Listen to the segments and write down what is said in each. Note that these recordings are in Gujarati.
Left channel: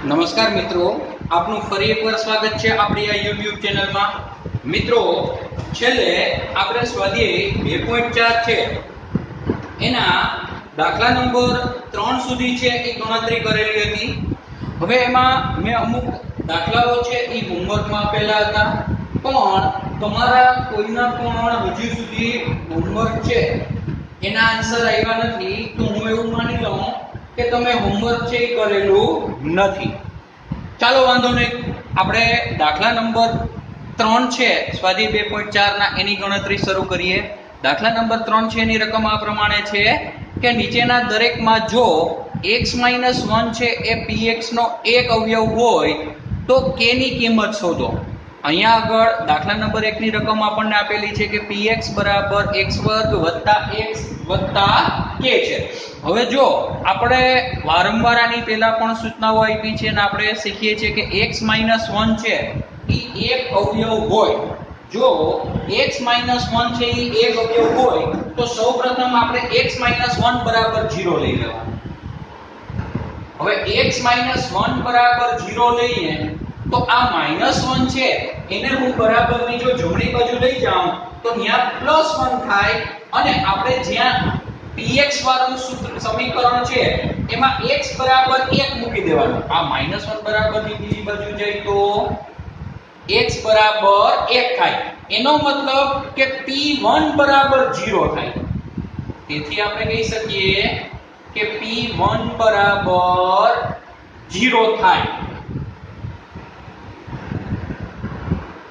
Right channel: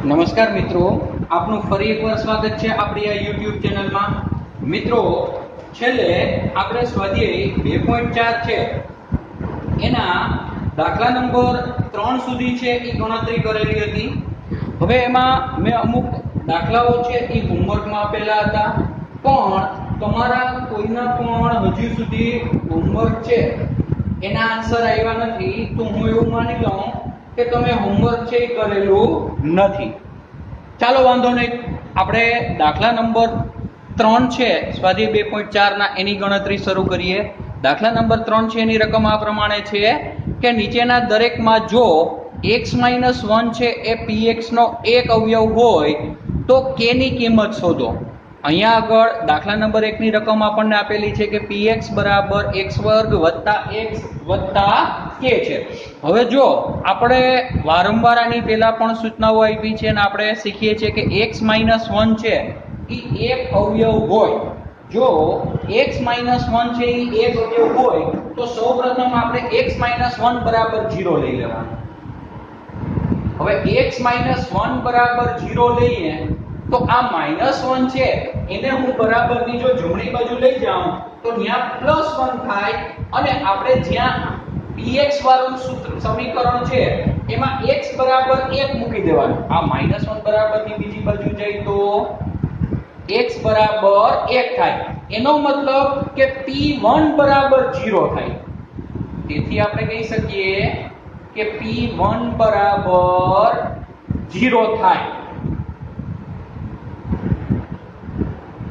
નમસ્કાર મિત્રો, આપનું ફરી એકવાર સ્વાગત છે આપણી આ YouTube ચેનલમાં. મિત્રો, છેલ્લે આપણે સ્વાધ્યાય 2.4 છે એના દાખલા નંબર 3 સુધી છે એ ગણતરી કરેલી હતી. હવે એમાં મેં અમુક દાખલાઓ છે એ હોમવર્કમાં આપેલા હતા, પણ તમારા કોઈના પણ હજી સુધી હોમવર્ક છે એના આન્સર આવ્યા નથી. તો હું એવું માની લઉં કે તમે હોમવર્ક છે એ કરેલું નથી. ચાલો વાંધો નહીં, આપણે દાખલા નંબર 3 છે સ્વાધ્યાય 2.4 ના એની ગણતરી શરૂ કરીએ. દાખલા નંબર 3 છે એની રકમ આ પ્રમાણે છે કે નીચેના દરેકમાં જો x - 1 છે એ px નો એક અવયવ હોય તો k ની કિંમત શોધો. અહીંયા આગળ દાખલા નંબર 1 ની રકમ આપણને આપેલી છે કે px બરાબર x² + x + k છે. હવે જો આપણે વારંવાર આની પહેલા પણ સૂચનાઓ આપી છે અને આપણે શીખીએ છીએ કે x - 1 છે એ એક અવયવ હોય. જો x - 1 છે એ એક અવયવ હોય તો સૌપ્રથમ આપણે x - 1 બરાબર 0 લઈ લેવાનું. હવે x - 1 બરાબર 0 લઈએ તો આ -1 છે એને હું બરાબરની જો જમણી બાજુ લઈ જાઉં તો ત્યાં +1 થાય અને આપણે જ્યાં px વાળું સમીકરણ છે એમાં x બરાબર 1 મૂકી દેવાનું. આ -1 બરાબરની બીજી બાજુ જાય તો x બરાબર 1 થાય. એનો મતલબ કે p1 બરાબર 0 થાય. તેથી આપણે કહી શકીએ કે p1 બરાબર 0 થાય.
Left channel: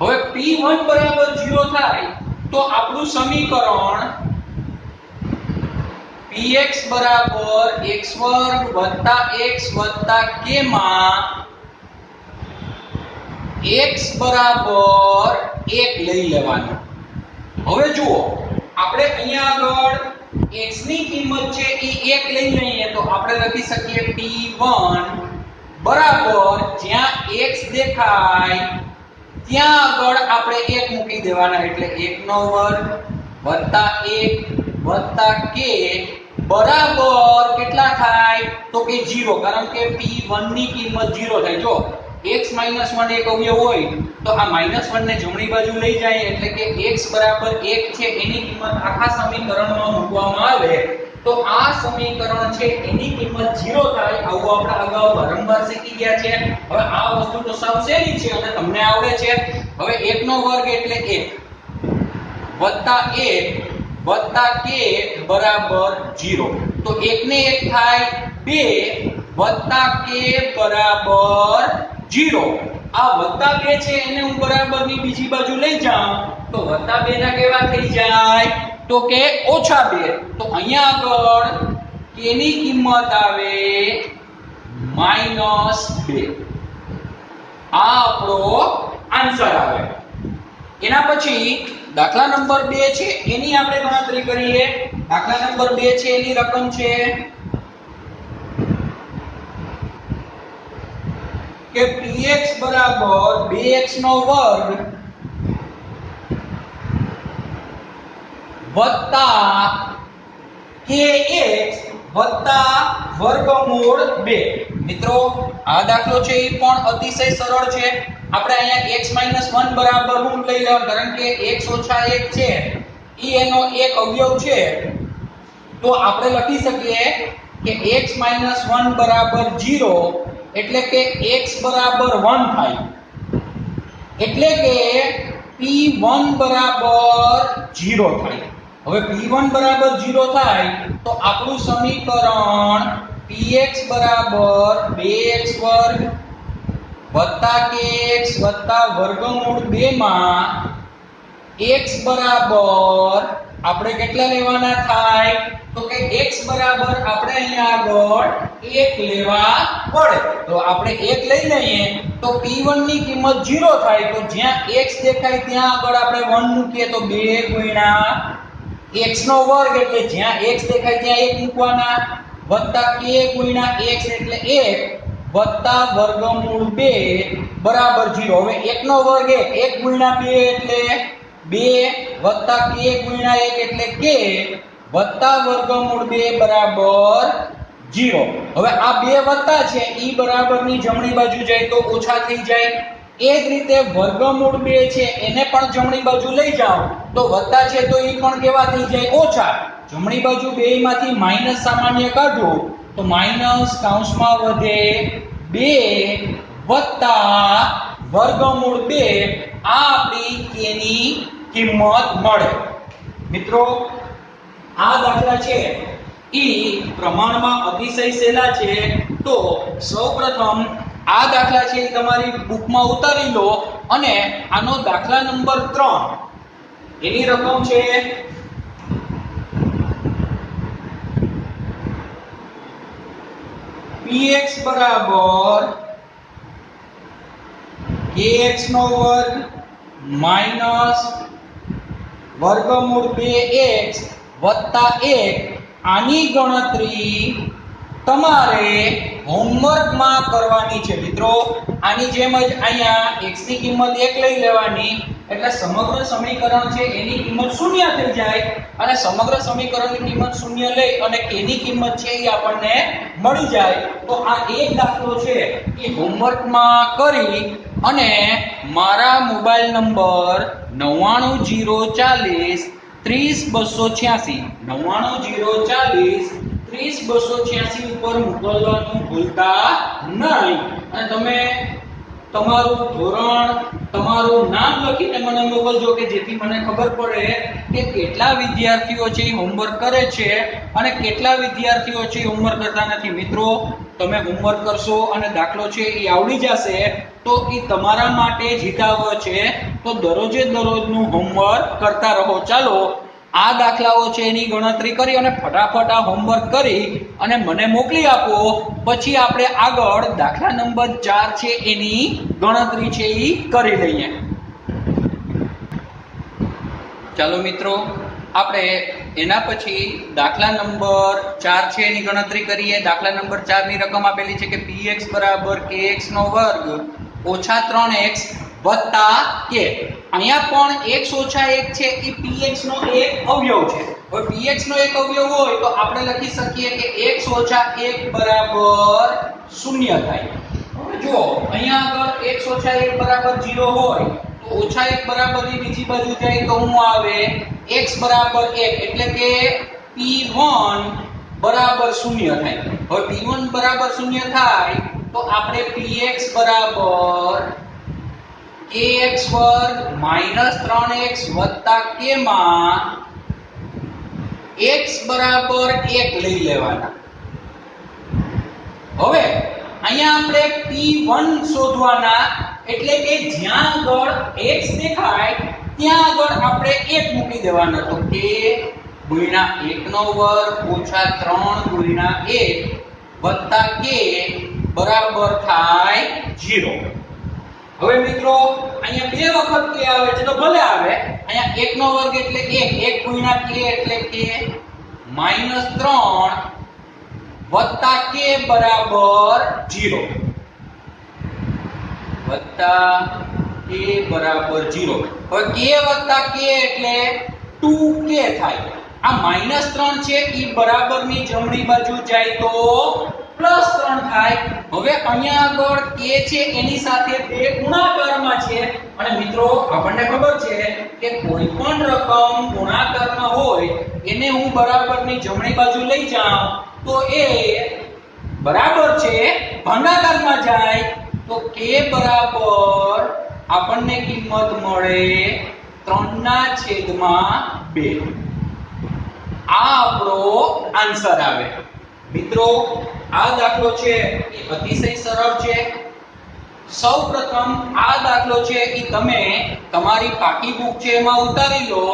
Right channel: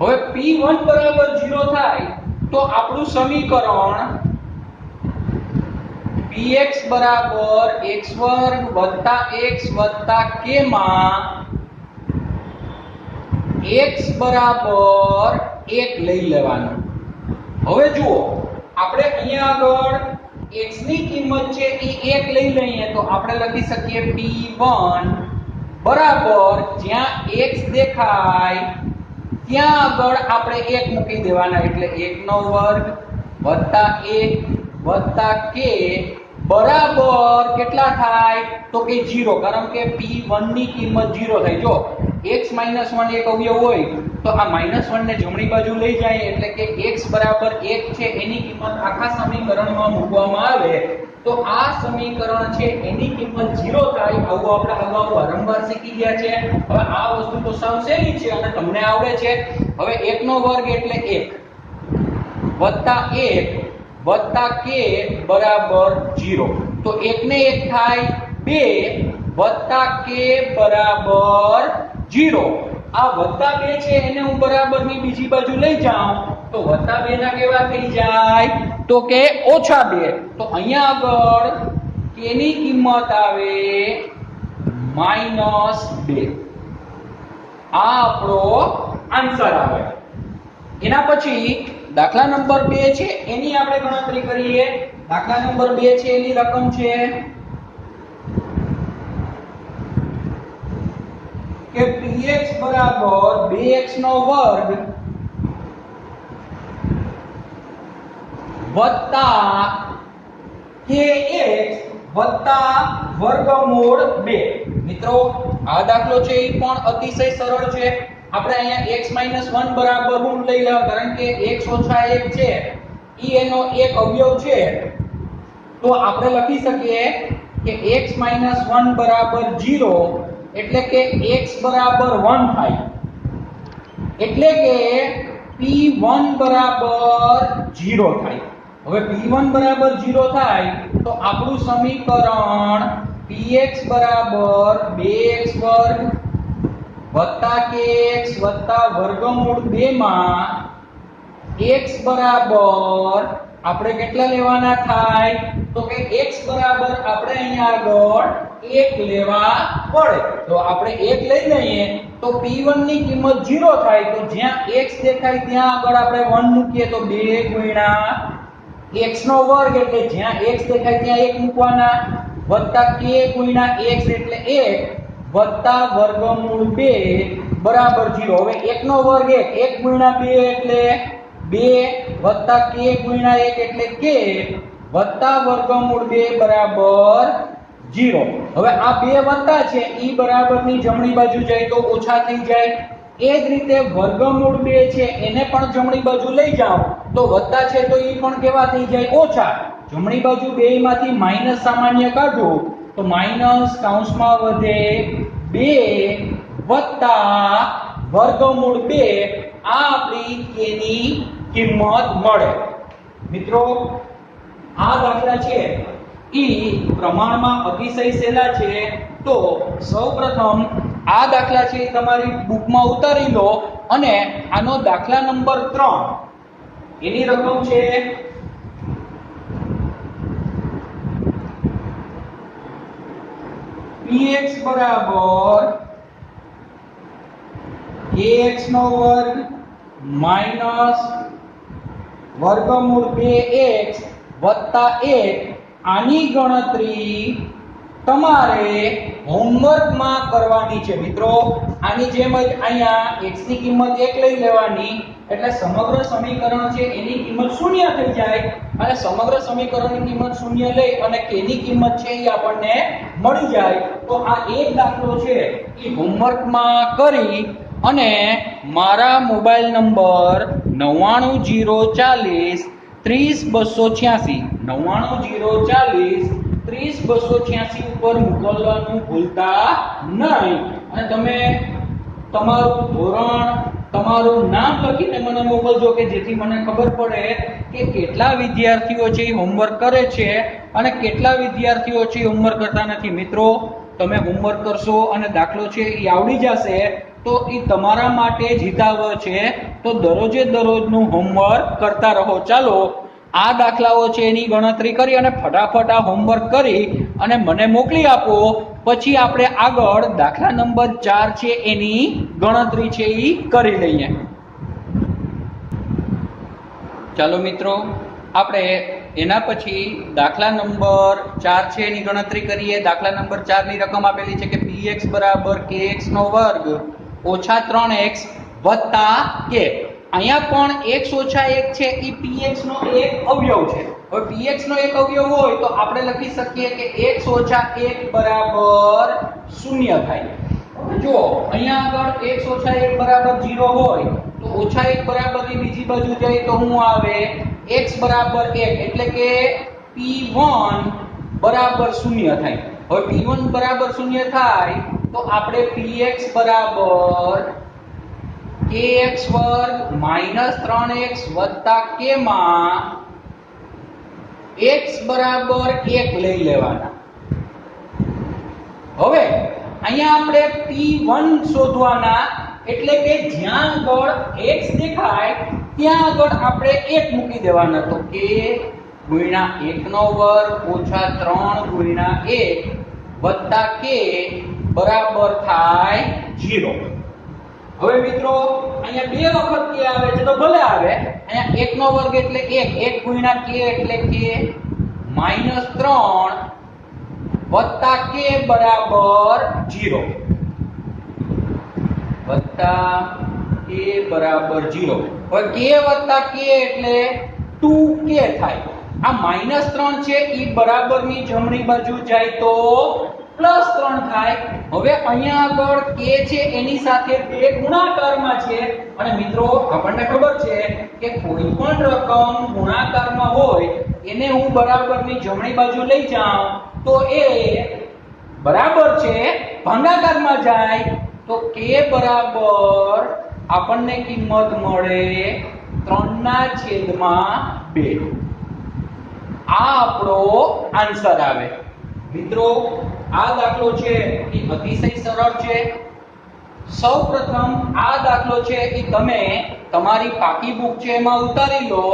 હવે p1 બરાબર 0 થાય તો આપણું સમીકરણ px બરાબર x² + x + k માં x બરાબર 1 લઈ લેવાનું. હવે જુઓ, આપણે અહીંયા આગળ x ની કિંમત છે એ 1 લઈ લઈએ તો આપણે લખી શકીએ p1 બરાબર જ્યાં x દેખાય ત્યાં આગળ આપણે 1 મૂકી દેવાના એટલે 1² + 1 + k બરાબર કેટલા થાય તો કે 0, કારણ કે p1 ની કિંમત 0 થાય. જો x - 1 એક અવયવ હોય તો આ -1 ને જમણી બાજુ લઈ જાય એટલે કે x બરાબર 1 છે એની કિંમત આખા સમીકરણમાં મૂકવામાં આવે તો આ સમીકરણ છે એની કિંમત 0 થાય. આવું આપણે અગાઉ વારંવાર શીખી ગયા છે. હવે આ વસ્તુ તો સાવ સહેલી છે અને તમને આવડે છે. હવે 1 નો વર્ગ એટલે 1 + 1 + k બરાબર 0. તો 1 ને 1 થાય 2 + k બરાબર 0. આ +2 છે એને હું બરાબરની બીજી બાજુ લઈ જાઉં તો +2 ના કેવા થઈ જાય તો કે -2. તો અહીંયા આગળ k ની કિંમત આવે -2. આ આપણો આન્સર આવે. એના પછી દાખલા નંબર 2 છે એની આપણે ગણતરી કરીએ. દાખલા નંબર 2 છે એની રકમ છે કે px બરાબર 2x² + kx + √2. મિત્રો, આ દાખલો છે એ પણ અતિશય સરળ છે. આપણે અહીંયા x - 1 બરાબર હું લઈ લેવા, કારણ કે x - 1 છે ઈ એનો એક અવયવ છે. તો આપણે લખી શકીએ કે x - 1 બરાબર 0 એટલે કે x બરાબર 1 થાય. એટલે કે p1 બરાબર 0 થાય. હવે p1 બરાબર 0 થાય તો આપણું સમીકરણ px બરાબર 2x² + kx + √2 માં x બરાબર આપણે કેટલા લેવાના થાય તો કે x બરાબર આપણે અહીંયા આગળ 1 લેવા પડે. તો આપણે 1 લઈ લઈએ તો p1 ની કિંમત 0 થાય. તો જ્યાં x દેખાય ત્યાં આગળ આપણે 1 મૂકીએ તો 2 * x² એટલે જ્યાં x દેખાય ત્યાં 1 મૂકવાના + k * x એટલે 1 + √2 બરાબર 0. હવે 1² 1 * 2 એટલે 2 + k * 1 એટલે k + √2 બરાબર 0. હવે આ બે વત્તા છે ઈ બરાબરની જમણી બાજુ જાય તો ઓછા થઈ જાય. એ જ રીતે વર્ગમૂળ 2 છે એને પણ જમણી બાજુ લઈ જાઓ તો વત્તા છે તો ઈ પણ કેવા થઈ જાય ઓછા. જમણી બાજુ બેયમાંથી માઈનસ સામાન્ય કાઢો તો માઈનસ કૌંસમાં વધે 2 વત્તા વર્ગમૂળ 2. આ આપણી k ની કિંમત મળે. મિત્રો આ દાખલા છે ઈ પ્રમાણમાં અતિશય સહેલા છે. તો સૌપ્રથમ આ દાખલા છે તમારી બુકમાં ઉતારી લો અને આનો દાખલા નંબર 3 એની રકમ છે px બરાબર kx નો વર્ગ માઈનસ વર્ગમૂળ 2x વત્તા 1. આની ગણતરી તમારે હોમવર્કમાં કરવાની છે મિત્રો. આની જેમ જ અહીંયા x ની કિંમત 1 લઈ લેવાની એટલે સમગ્ર સમીકરણ છે એની કિંમત 0 થઈ જાય અને સમગ્ર સમીકરણની કિંમત 0 લઈ અને k ની કિંમત છે એ આપણને મળી જાય. તો આ એક દાખલો છે એ હોમવર્કમાં કરી અને મારા મોબાઈલ નંબર 99040 30286 99040 30286 ઉપર મોકલવાનું ભૂલતા નહીં. અને તમે તમારું ધોરણ તમારું નામ લખીને મને મોકલજો કે જેથી મને ખબર પડે કે કેટલા વિદ્યાર્થીઓ છે એ હોમવર્ક કરે છે અને કેટલા વિદ્યાર્થીઓ છે એ હોમવર્ક કરતા નથી. મિત્રો તમે હોમવર્ક કરશો અને દાખલો છે એ આવડી જશે તો એ તમારા માટે જ હિતાવહ છે. તો દરરોજે દરરોજનું હોમવર્ક કરતા રહો. ચાલો આ દાખલાઓ છે એની ગણતરી કરી અને ફટાફટ આ હોમવર્ક કરી અને મને મોકલી આપો. પછી આપણે આગળ દાખલા નંબર 4 છે એની ગણતરી છે એ કરી લઈએ. ચાલો મિત્રો આપણે એના પછી દાખલા નંબર 4 છે એની ગણતરી કરીએ. દાખલા નંબર 4 ની રકમ આપેલી છે કે px બરાબર kx નો વર્ગ ઓછા 3x વત્તા k. અહીંયા પણ x ઓછા 1 છે એ px નો એક અવયવ છે. હવે px નો એક અવયવ હોય તો આપણે લખી શકીએ કે x ઓછા 1 બરાબર 0 થાય. જો અહીંયા આગળ x ઓછા 1 બરાબર 0 હોય તો ઓછા 1 બરાબર ની બીજી બાજુ જાય તો શું આવે x બરાબર 1 એટલે કે p1 બરાબર 0 થાય. હવે p1 બરાબર 0 થાય તો આપણે px બરાબર kx વર્ગ માઈનસ 3x વત્તા k માં x બરાબર 1 લઈ લેવાના. હવે અહીંયા આપણે p1 શોધવાના એટલે કે જ્યાં આગળ x દેખાય ત્યાં આગળ આપણે 1 મૂકી દેવાનો. તો k ગુણ્યા 1 નો વર્ગ ઓછા 3 ગુણ્યા 1 વત્તા k બરાબર થાય 0. હવે મિત્રો અહીંયા બે વખત k આવે છે તો ભલે આવે. અહીંયા 1 નો વર્ગ એટલે 1 1 ગુણ્યા k એટલે k -3 વત્તા k બરાબર 0 વત્તા k બરાબર 0. હવે k વત્તા k એટલે 2k થાય. આ -3 છે ઈ બરાબરની જમણી બાજુ જાય તો +3 થાય. હવે અહીંયા આગળ k છે એની સાથે 2 ગુણાકારમાં છે અને મિત્રો આપણને ખબર છે કે કોઈ પણ રકમ ગુણાકારમાં હોય એને હું બરાબરની જમણી બાજુ લઈ જાઉં તો એ બરાબર છે ભાગાકારમાં જાય તો k બરાબર આપણને કિંમત મળે 3/2. આ આપણો આન્સર આવે. મિત્રો આ દાખલો છે એ અતિશય સરળ છે. સૌપ્રથમ આ દાખલો છે એ તમે તમારી પાકી બુક છે એમાં ઉતારી લો.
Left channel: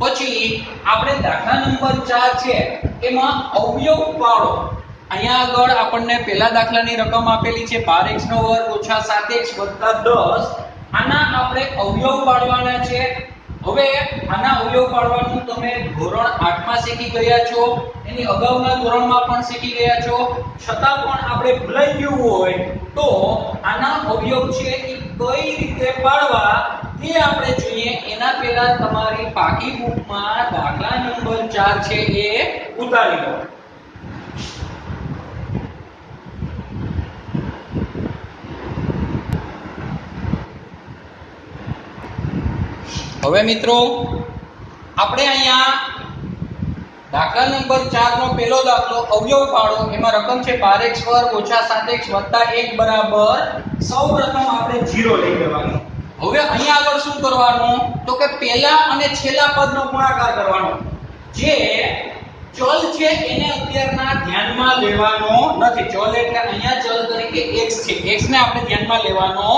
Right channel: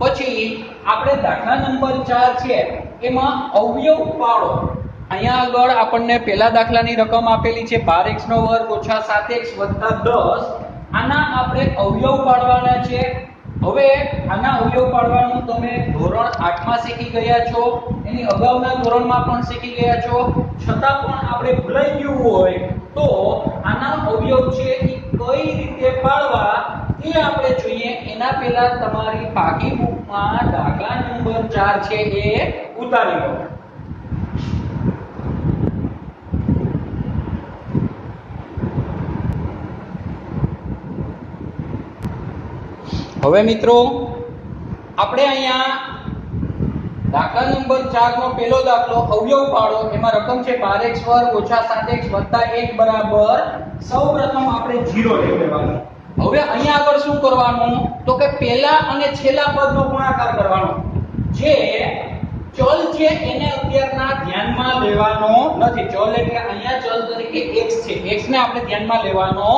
પછી આપણે દાખલા નંબર 4 છે એમાં અવયવ પાડો. અહીંયા આગળ આપણને પહેલા દાખલાની રકમ આપેલી છે 12x નો વર્ગ ઓછા 7x વત્તા 10. આના આપણે અવયવ પાડવાના છે. હવે આના અવયવ પાડવાનું તમે ધોરણ 8 માં શીખી ગયા છો, એની અગાઉના ધોરણમાં પણ શીખી ગયા છો. છતાં પણ આપણે ભૂલાઈ ગયું હોય તો આના અવયવ છે એ કઈ રીતે પાડવા તે આપણે જોઈએ. એના પહેલા તમારી પાકી બુકમાં દાખલા નંબર 4 છે એ ઉતારી લો. હવે મિત્રો આપણે અહીંયા દાખલા નંબર 4 નો પહેલો દાખલો અવયવ પાડો, એમાં રકમ છે 12x² ઓછા 7x વત્તા 1 બરાબર સૌપ્રથમ આપણે 0 લઈ લેવાનું. હવે અહીંયા આગળ શું કરવાનું તો કે પહેલા અને છેલ્લા પદનો ગુણાકાર કરવાનો. જે ચલ છે એને અત્યારના ધ્યાનમાં લેવાનો નથી. ચલ એટલે અહીંયા ચલ તરીકે x છે, x ને આપણે ધ્યાનમાં લેવાનો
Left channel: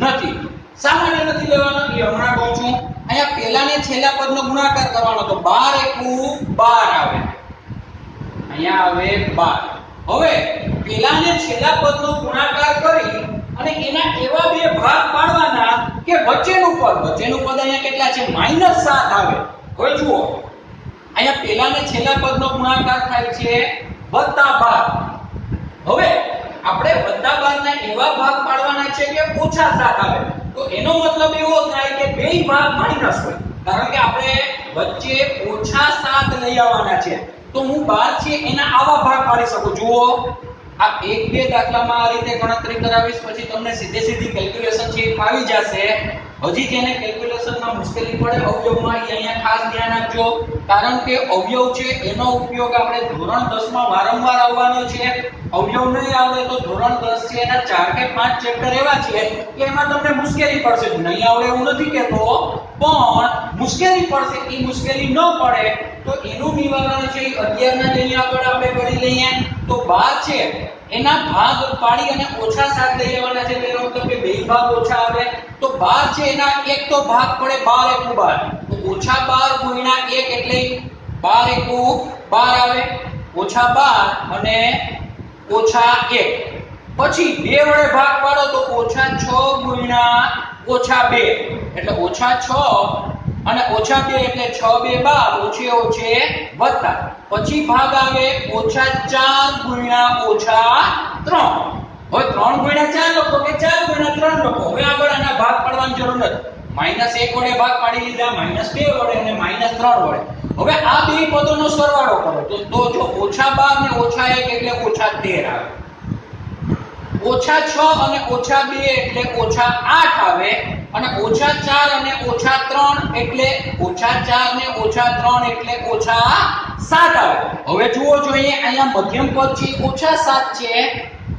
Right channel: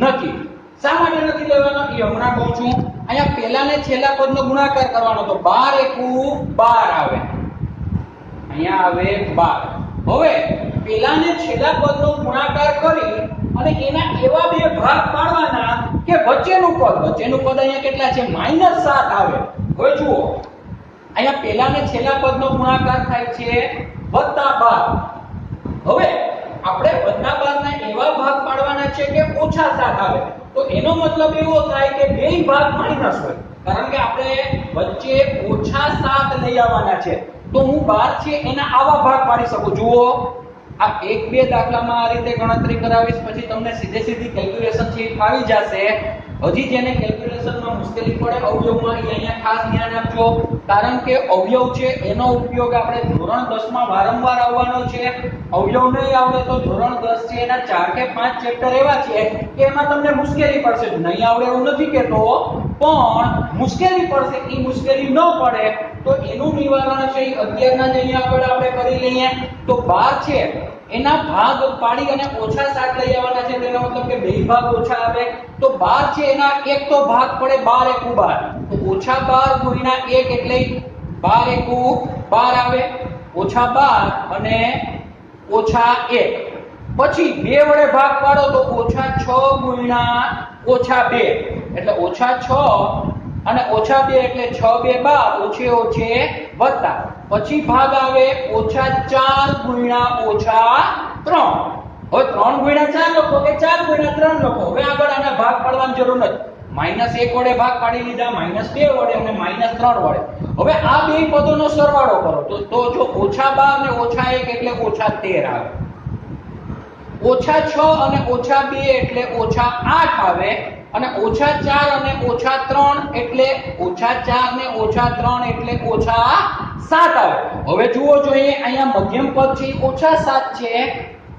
નથી. શા માટે નથી લેવાનો એ હમણાં કહું છું. અહીંયા પહેલા ને છેલ્લા પદનો ગુણાકાર કરવાનો, તો 12 એકુ 12 આવે, અહીંયા આવે 12. હવે પહેલા ને છેલ્લા પદનો ગુણાકાર કરી અને એના એવા બે ભાગ પાડવાના કે વચ્ચેનું પદ અહીંયા કેટલા છે -7 આવે. હવે જુઓ અહીંયા પહેલા ને છેલ્લા પદનો ગુણાકાર થાય છે +12. હવે આપણે +12 ના એવા ભાગ પાડવાના છે કે -7 આવે. તો એનો મતલબ એવો થાય કે બેય ભાગ માઈનસ હોય, કારણ કે આપણે વચ્ચે -7 લઈ આવવાના છે. તો હું 12 છે એના આવા ભાગ પાડી શકું. જુઓ આ 1-2 દાખલામાં આ રીતે ગણતરી કરાવીશ, પછી તમને સીધી કેલ્ક્યુલેશન છે એ ફાવી જશે. હજી જેને કેલ્ક્યુલેશનમાં મુશ્કેલી પડે અવયવમાં, એ અહીંયા ખાસ ધ્યાન આપજો, કારણ કે અવયવ છે એનો ઉપયોગ આપણે ધોરણ 10 માં વારંવાર આવવાનો છે. અવયવ નહીં આવડે તો ધોરણ 10 છે એના 4 કે 5 ચેપ્ટર એવા છે કે એમાં તમને મુશ્કેલી પડશે. નહીં આવડે એવું નથી કહેતો, પણ મુશ્કેલી પડશે. એ મુશ્કેલી ન પડે તો એનું નિવારણ છે એ અત્યારના જ અહીંયા આપણે કરી લઈએ. તો 12 છે એના ભાગ પાડી અને -7 લઈ આવવાના છે. એનો મતલબ કે બે ભાગ ઓછા આવે. તો 12 છે એના એક તો ભાગ પડે 12 એકુ 12, તો -12 ગુણ્યા 1 એટલે 12 એકુ 12 આવે, -12 અને -1. પછી 2 વડે ભાગ પાડો તો -6 ગુણ્યા -2 એટલે -6 અને -2 એટલે 6 2 12, ઓછે ઓછે વત્તા. પછી ભાગ આવે -4 ગુણ્યા -3. હવે 3 ગુણ્યા 4 લખો કે 4 ગુણ્યા 3 લખો. હવે આગળ આના ભાગ પાડવાની જરૂર નથી. -1 વડે ભાગ પાડી લીધા, -2 વડે અને -3 વડે. હવે આ બે પદોનો સરવાળો કરો તો જો -12 ને -1 એટલે -13 આવે, -6 અને -2 એટલે -8 આવે, અને -4 અને -3 એટલે -4 ને -3 એટલે -7 આવે. હવે જુઓ જોઈએ અહીંયા મધ્યમ પદ છે -7 છે,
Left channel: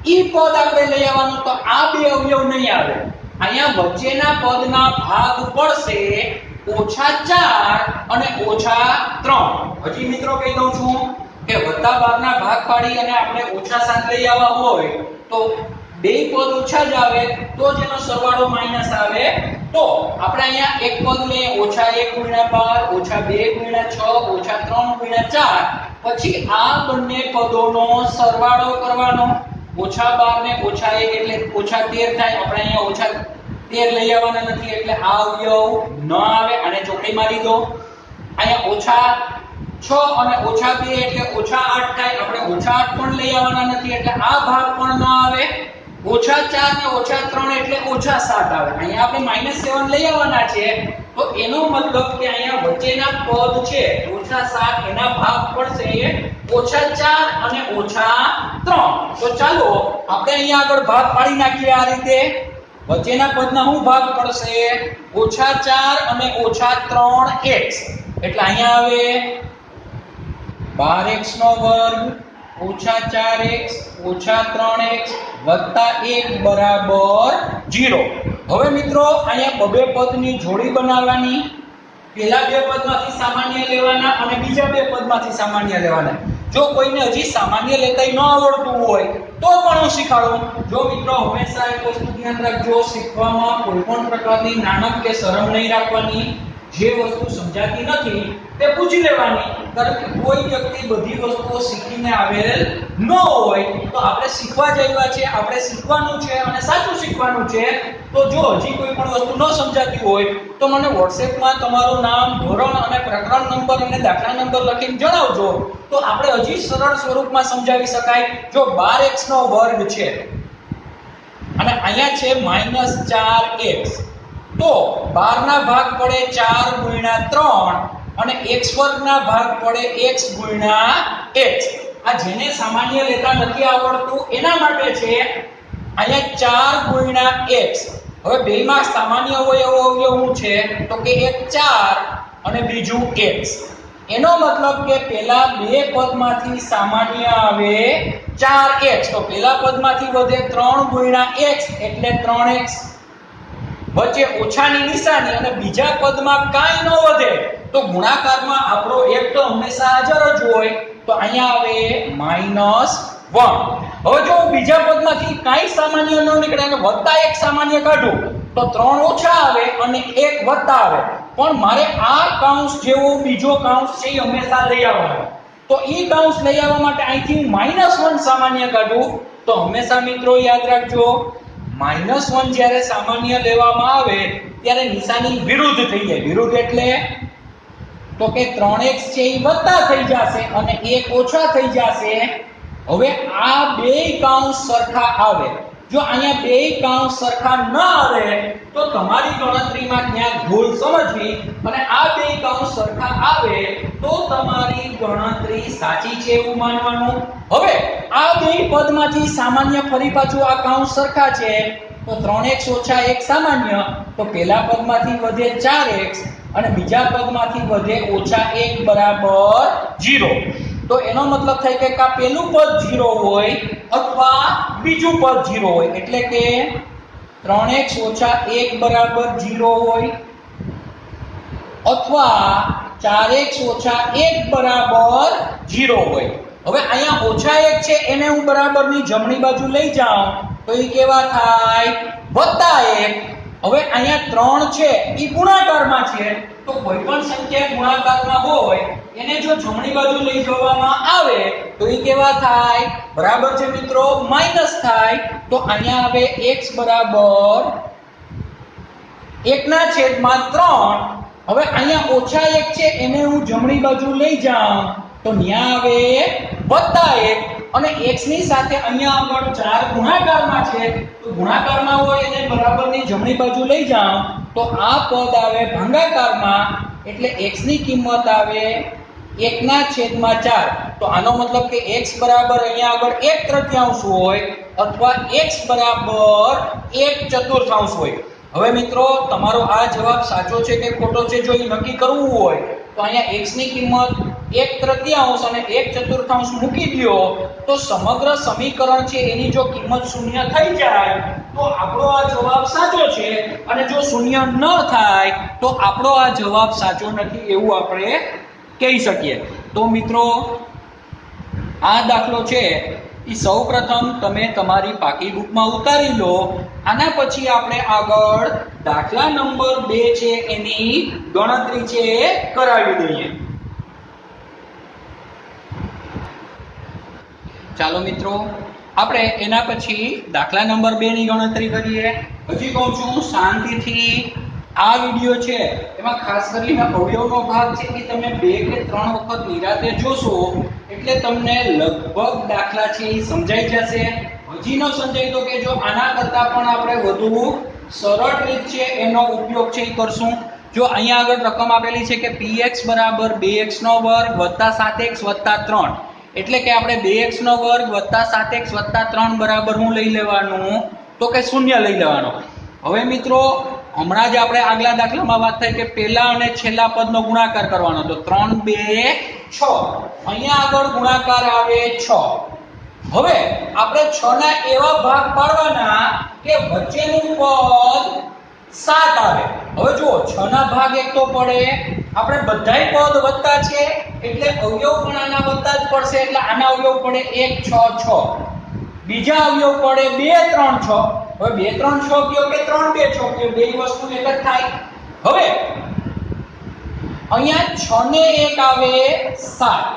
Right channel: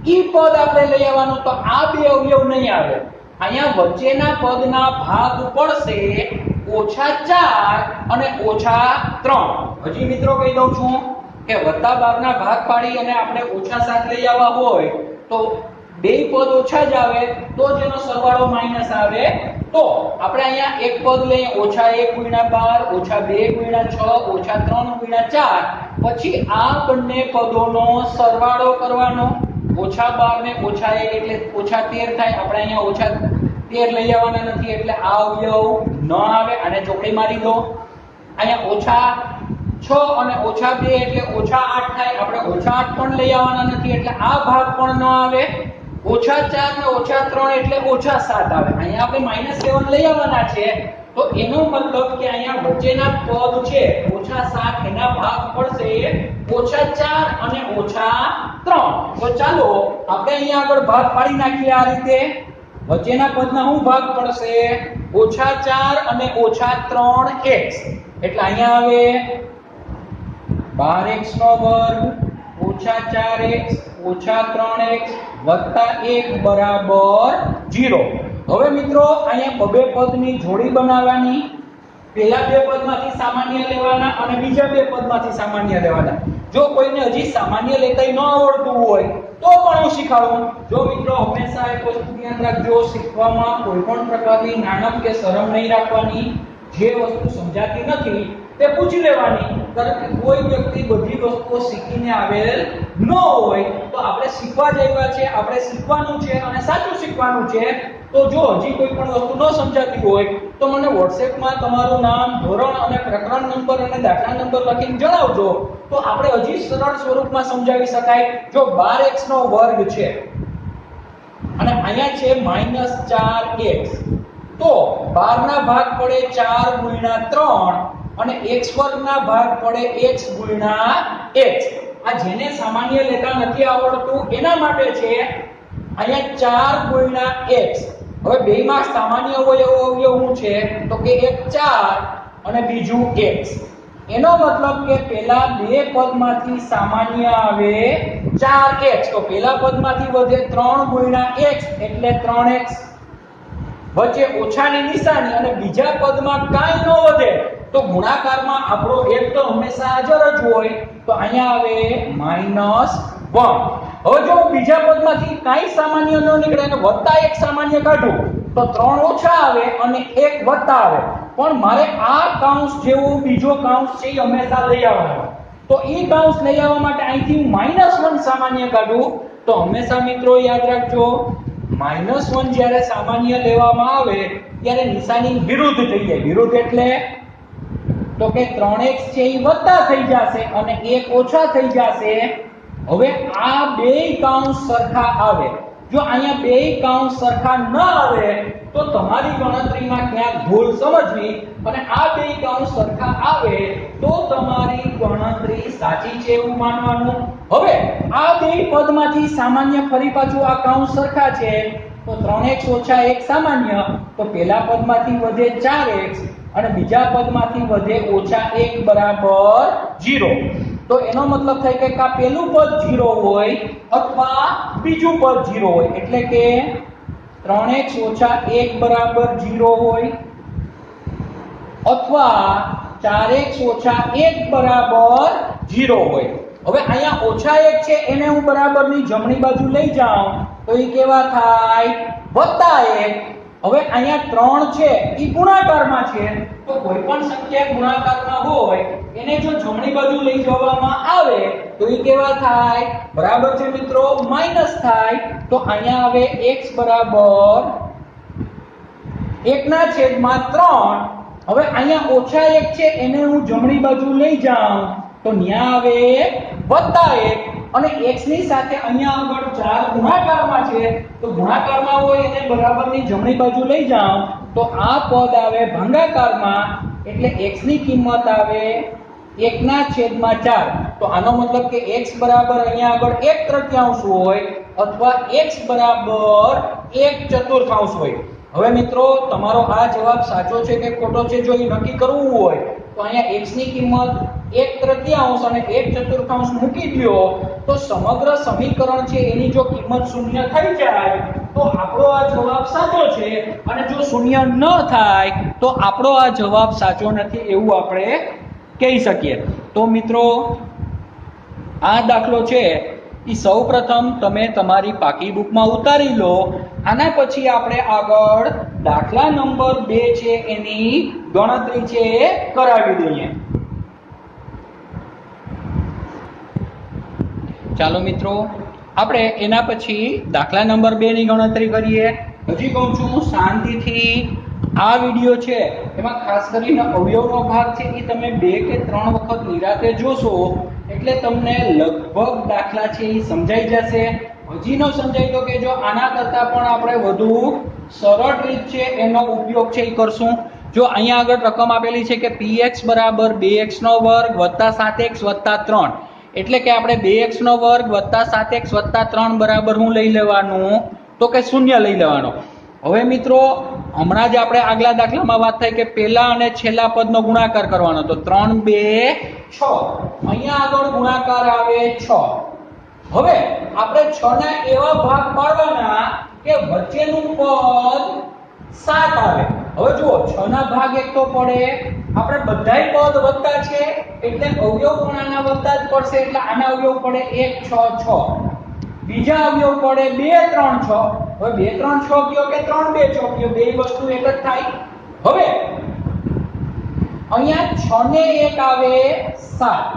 ઈ પદ આપણે લઈ આવવાનું. તો આ બે અવયવ નહીં આવે. અહીંયા વચ્ચેના પદના ભાગ પડશે -4 અને -3. હજી મિત્રો કહી દઉં છું કે +12 ના ભાગ પાડી અને આપણે -7 લઈ આવવા હોય તો બે પદ ઓછા જ આવે, તો જેનો સરવાળો માઈનસ આવે. તો આપણે અહીંયા એક પદ લઈએ -1 ગુણ્યા 12, -2 ગુણ્યા 6, -3 ગુણ્યા 4. પછી આ બંને પદોનો સરવાળો કરવાનો. -12 ને -1 એટલે -13 થાય. આપણે અહીંયા -13 લઈ આવવાના નથી એટલે આ અવયવ ન આવે. આને ચોકડી મારી દો. અહીંયા -6 અને -2 એટલે -8 થાય. આપણે -8 પણ લઈ આવવાના નથી એટલે આ ભાગ પણ ન આવે. -4 ને -3 એટલે -7 આવે. અહીંયા આપણે -7 લઈ આવવાના છે. તો એનો મતલબ કે અહીંયા વચ્ચેના પદ છે -7 એના ભાગ પડશે -4 અને -3. તો ચાલો આપણે અહીંયા આગળ ભાગ પાડી નાખીએ. આ રીતે વચ્ચેના પદના શું ભાગ પડશે? -4 અને -3x એટલે અહીંયા આવે 12x નો વર્ગ -4x -3x વત્તા 1 બરાબર 0. હવે મિત્રો અહીંયા બે પદની જોડી બનાવવાની. પહેલા બે પદમાંથી સામાન્ય લેવાના અને બીજા બે પદમાંથી સામાન્ય લેવાના. જો કોઈને હજી સામાન્ય લેતા ન આવડતું હોય તો પણ હું શીખવાડું. જો મિત્રો હંમેશા એક વસ્તુ ધ્યાન રાખજો, શીખવામાં કોઈ પણ પ્રકારની નાણક કે શરમ નહીં રાખવાની. જે વસ્તુ સમજાતી નથી તે પૂછી લેવાની, કારણ કે કોઈ વ્યક્તિ બધી વસ્તુઓ શીખીને આવેલ ન હોય. તો આપણે શીખવા જઈવા છે, આપણે શીખવાનું છે અને સાચું શીખવાનું છે. તો જો હજી કોઈ પણ વસ્તુ ન સમજાતી હોય તો મને WhatsApp માં તમારું નામ, ધોરણ અને પ્રકરણ નંબર અને દાખલા નંબર લખીને જણાવજો. તો આપણે હજી સરળ સ્વરૂપમાં સમજાવી શકાય. જો 12x નો વર્ગ છે અને અહીંયા છે -4x, તો 12 ના ભાગ પડે 4 ગુણ્યા 3 અને x વર્ગ ના ભાગ પડે x ગુણ્યા x. આ જેને સામાન્ય લેતા નથી આવડતું એના માટે છે. અહીંયા 4 ગુણ્યા x હવે બેમાં સામાન્ય અવયવ શું છે તો કે એક 4 અને બીજું x. એનો મતલબ કે પહેલા બે પદમાંથી સામાન્ય આવે 4x, તો પહેલા પદમાંથી વધે 3 ગુણ્યા x એટલે 3x, વચ્ચે ઓછાની નિશાની અને બીજા પદમાં કાંઈ ન વધે તો ગુણાકારમાં આપણો એક તો હંમેશા હાજર જ હોય, તો અહીંયા આવે -1. હવે જો બીજા પદમાંથી કાંઈ સામાન્ય ન નીકળે અને વત્તા એક સામાન્ય કાઢું તો 3 ઓછા આવે અને 1 વત્તા આવે, પણ મારે આ કાઉન્સ જેવો બીજો કાઉન્સ છે એ હંમેશા લઈ આવવાનો. તો ઈ કાઉન્સ લઈ આવવા માટે અહીંથી -1 સામાન્ય કાઢું તો હંમેશા મિત્રો યાદ રાખજો -1 જ્યારે સામાન્ય લેવામાં આવે ત્યારે નિશાની વિરુદ્ધ થઈ જાય. વિરુદ્ધ એટલે તો કે 3x છે એ વત્તા થઈ જશે અને 1 ઓછા થઈ જશે. હવે આ બેય કાઉન્સ સરખા આવે. જો અહીંયા બેય કાઉન્સ સરખા ન આવે તો તમારી ગણતરીમાં ક્યાંક ભૂલ સમજવી, અને આ બેય કાઉન્સ સરખા આવે તો તમારી ગણતરી સાચી છે એવું માનવાનું. હવે આ બેય પદમાંથી સામાન્ય ફરી પાછું આ કાઉન્સ સરખા છે તો 3x ઓછા 1 સામાન્ય, તો પહેલા પદમાંથી વધે 4x અને બીજા પદમાંથી વધે ઓછા 1 બરાબર 0. તો એનો મતલબ થાય કે કા પહેલું પદ 0 હોય અથવા બીજું પદ 0 હોય, એટલે કે 3x ઓછા 1 બરાબર 0 હોય અથવા 4x ઓછા 1 બરાબર 0 હોય. હવે અહીંયા ઓછા 1 છે એને હું બરાબરની જમણી બાજુ લઈ જાઉં તો એ કેવા થાય +1. હવે અહીંયા 3 છે એ ગુણાકારમાં છે, તો કોઈ પણ સંખ્યા ગુણાકારમાં હોય એને જો જમણી બાજુ લઈ જવામાં આવે તો એ કેવા થાય બરાબર છે મિત્રો માઈનસ થાય. તો અહીંયા આવે x બરાબર 1/3. હવે અહીંયા ઓછા 1 છે એને હું જમણી બાજુ લઈ જાઉં તો ન્યા આવે +1 અને x ની સાથે અહીંયા આગળ 4 ગુણાકારમાં છે, તો ગુણાકારમાં હોય એને બરાબરની જમણી બાજુ લઈ જાઉં તો આ પદ આવે ભાગાકારમાં, એટલે x ની કિંમત આવે 1/4. તો આનો મતલબ કે x બરાબર અહીંયા આગળ 1/3 હોય અથવા x બરાબર 1/4 હોય. હવે મિત્રો તમારો આ જવાબ સાચો છે કે ખોટો છે જો એ નક્કી કરવું હોય તો અહીંયા x ની કિંમત 1/3 અને 1/4 મૂકી દો તો સમગ્ર સમીકરણ છે એની જો કિંમત શૂન્ય થઈ જાય તો આપણો આ જવાબ સાચો છે, અને જો શૂન્ય ન થાય તો આપણો આ જવાબ સાચો નથી એવું આપણે કહી શકીએ. તો મિત્રો આ દાખલો છે એ સૌપ્રથમ તમે તમારી પાકી બુકમાં ઉતારી લો. આના પછી આપણે આગળ દાખલા નંબર 2 છે એની ગણતરી છે કરાવી દઈએ. ચાલો મિત્રો આપણે એના પછી દાખલા નંબર 2 ની ગણતરી કરીએ. હજી કહું છું શાંતિથી આ વિડિયો છે એમાં ખાસ કરીને અવયવનો ભાગ છે એ તમે 2 કે 3 વખત નિરાતે જોશો એટલે તમને લગભગ દાખલા છે એ સમજાઈ જશે. હજી ન સમજાય તો કે જો આના કરતા પણ આપણે વધુ સરળ રીત છે એનો ઉપયોગ છે એ કરશું. જો અહીંયા આગળ રકમ આપેલી છે કે px બરાબર 2x² + 7x + 3, એટલે કે આપણે 2x² + 7x + 3 બરાબર શું લઈ લેવાનું તો કે 0 લઈ લેવાનો. હવે મિત્રો હમણાં જ આપણે આગલા દાખલામાં વાત થઈ કે પહેલા અને છેલ્લા પદનો ગુણાકાર કરવાનો, તો 3 2 6, અહીંયા આગળ ગુણાકાર આવે 6. હવે આપણે 6 ના એવા ભાગ પાડવાના કે વચ્ચેનું પદ 7 આવે. હવે જુઓ 6 ના ભાગ એક તો પડે, આપણે બધાય પદ વત્તા છે એટલે અવયવ પણ આના વત્તા જ પડશે, એટલે આના અવયવ પડે 1 6 6, બીજા અવયવ પડે 2 3 6. હવે 2 3 6 કયો કે 3 2 6 કયો, બે વસ્તુ એક જ થાય. હવે અહીંયા 6 ને 1 આવે 7,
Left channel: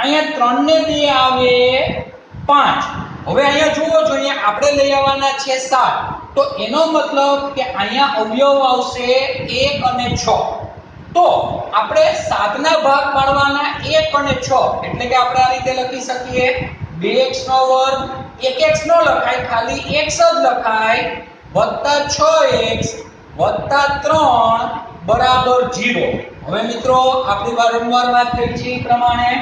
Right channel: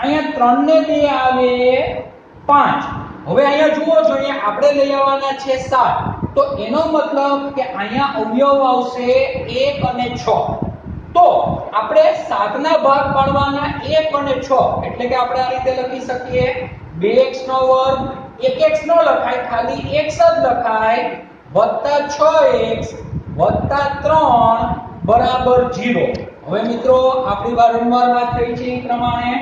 અહીંયા 3 ને 2 આવે 5. હવે અહીંયા જુઓ છો અહીંયા આપણે લઈ આવવાના છે 7, તો એનો મતલબ કે અહીંયા અવયવ આવશે 1 અને 6. તો આપણે 7 ના ભાગ પાડવાના 1 અને 6, એટલે કે આપણે આ રીતે લખી શકીએ 2x² 1x નો લખાય, ખાલી x જ લખાય, +6x + 3 બરાબર 0. હવે મિત્રો આપણી વારંવાર વાત કરી છે એ પ્રમાણે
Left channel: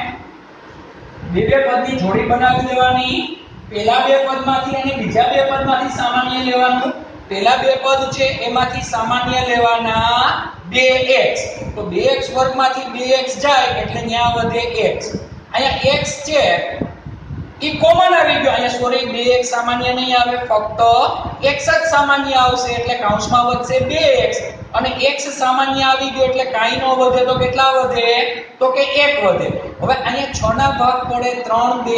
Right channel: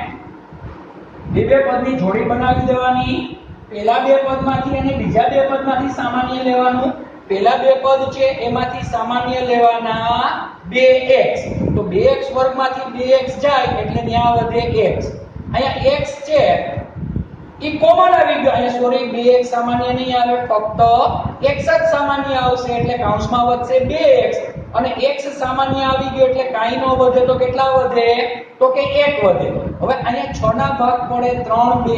બે પદની જોડી બનાવી દેવાની, પહેલા બે પદમાંથી અને બીજા બે પદમાંથી સામાન્ય લેવાનું. પહેલા બે પદ છે એમાંથી સામાન્ય લેવાના 2x, તો 2x વર્ગમાંથી 2x જાય એટલે ત્યાં વધે x. અહીંયા x છે ઈ કોમન આવી ગયો, અહીંયા સોરી 2x સામાન્ય નહીં આવે, ફક્ત x જ સામાન્ય આવશે એટલે કૌંસમાં વધશે 2x અને x સામાન્ય આવી ગયો એટલે કાંઈ ન વધે તો કેટલા વધે, તો કે 1 વધે. હવે અહીંયા 6 ના ભાગ પડે 3 2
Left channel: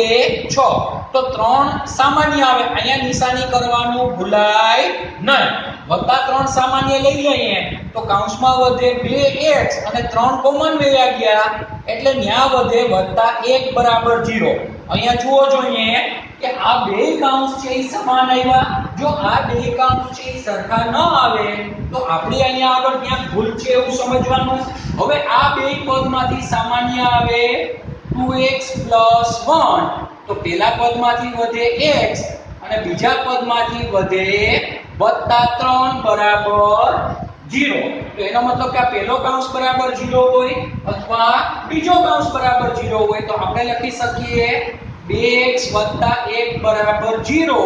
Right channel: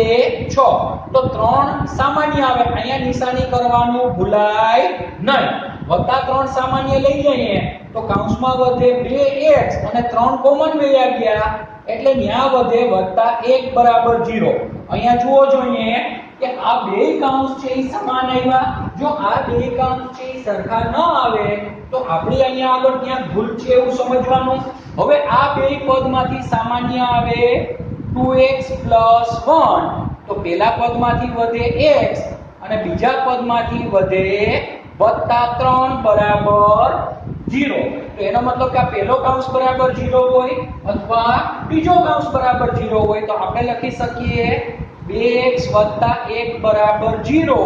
6, તો 3 સામાન્ય આવે, અહીંયા નિશાની કરવાનું ભૂલાય નહીં. વત્તા 3 સામાન્ય લઈ લઈએ તો કૌંસમાં વધે 2x અને 3 કોમન વયા ગયા એટલે ન્યા વધે +1 બરાબર 0. અહીંયા જુઓ જોઈએ કે આ બે કૌંસ છે એ સમાન આવ્યા. જો આ બે કૌંસ છે એ સરખા ન આવે તો આપણે અહીંયા આગળ ક્યાંક ભૂલ છે એવું સમજવાનું. હવે આ બે પદમાંથી સામાન્ય આવે 2x + 1, તો પહેલા પદમાંથી વધે x અને બીજા પદમાંથી વધે +3 બરાબર 0. તો એનો મતલબ કે આ પહેલો કૌંસ બરાબર 0 હોય અથવા બીજો કૌંસ બરાબર 0 હોય તો આપણે લખી શકીએ 2x + 1 બરાબર 0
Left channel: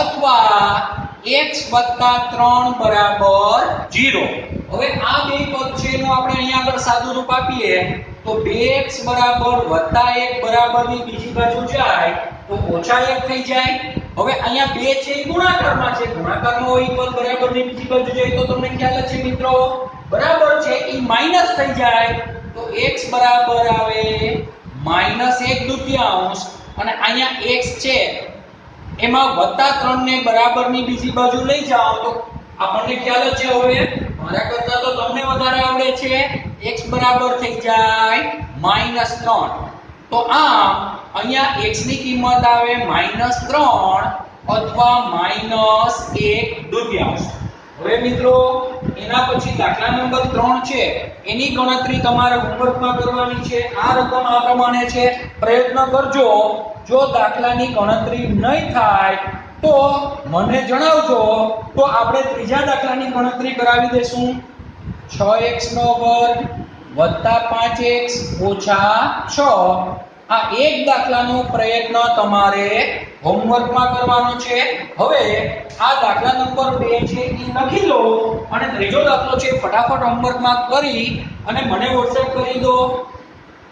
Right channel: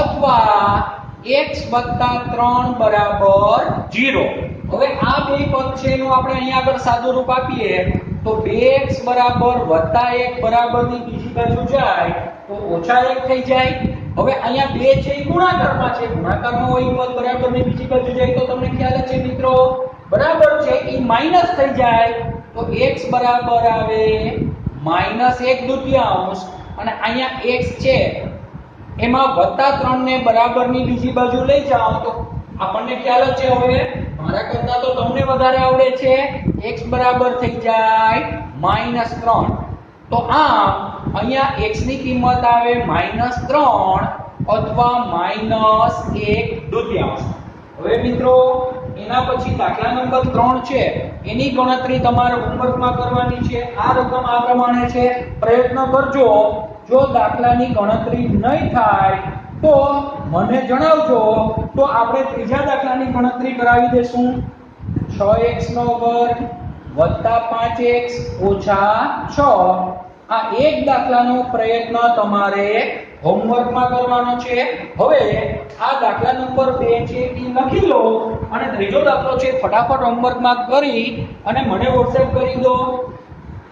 અથવા x + 3 બરાબર 0. હવે આ બે પદ છે એનું આપણે અહીંયા આગળ સાદું રૂપ આપીએ તો 2x બરાબર +1 બરાબરની બીજી બાજુ જાય તો -1 થઈ જાય. હવે અહીંયા 2 છે એ ગુણાકારમાં છે, ગુણાકારમાં હોય પદ બરાબરની બીજી બાજુ જાય તો તમને ખ્યાલ છે મિત્રો, બરાબર છે એ માઈનસ થઈ જાય તો x બરાબર આવે -1/2 અને અહીંયા x છે એમાં +3 ને બરાબરની બીજી બાજુ લઈ જાઓ તો આપણને ખ્યાલ છે. હવે મારા કરતા તો તમને વધારે આવડે છે, x બરાબર થઈ જાય -3. તો આમ અહીંયા x ની કિંમત આવે -3 અથવા -1/2. હવે મિત્રો એના પછી દાખલા નંબર 3 છે એની ગણતરી તમારે હોમવર્કમાં કરવાની છે. આ રકમ આ પ્રમાણે છે, પ્રયત્ન કરજો. જો દાખલાની ગણતરી નહીં થાય તો મને જણાવજો, તો આપણે ત્રીજા દાખલાની ગણતરી કરાવી દેશું. 6x² + 5x - 6. આ એક દાખલાનો પ્રયત્ન તમારે હોમવર્કમાં કરવાનો છે. હવે આ દાખલા નંબર 2 છે એ લખી લો અને ત્રીજો દાખલો છે ફટાફટ હોમવર્કમાં કરી અને મને WhatsApp કરી દો.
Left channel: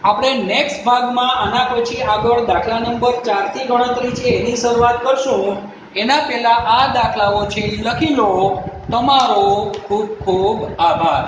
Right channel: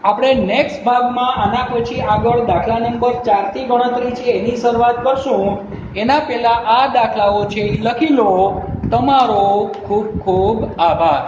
આપણે નેક્સ્ટ ભાગમાં આના પછી આગળ દાખલા નંબર 4 થી ગણતરી છે એની શરૂઆત કરશું. એના પહેલા આ દાખલાઓ છે એ લખી લો. તમારો ખૂબ ખૂબ આભાર.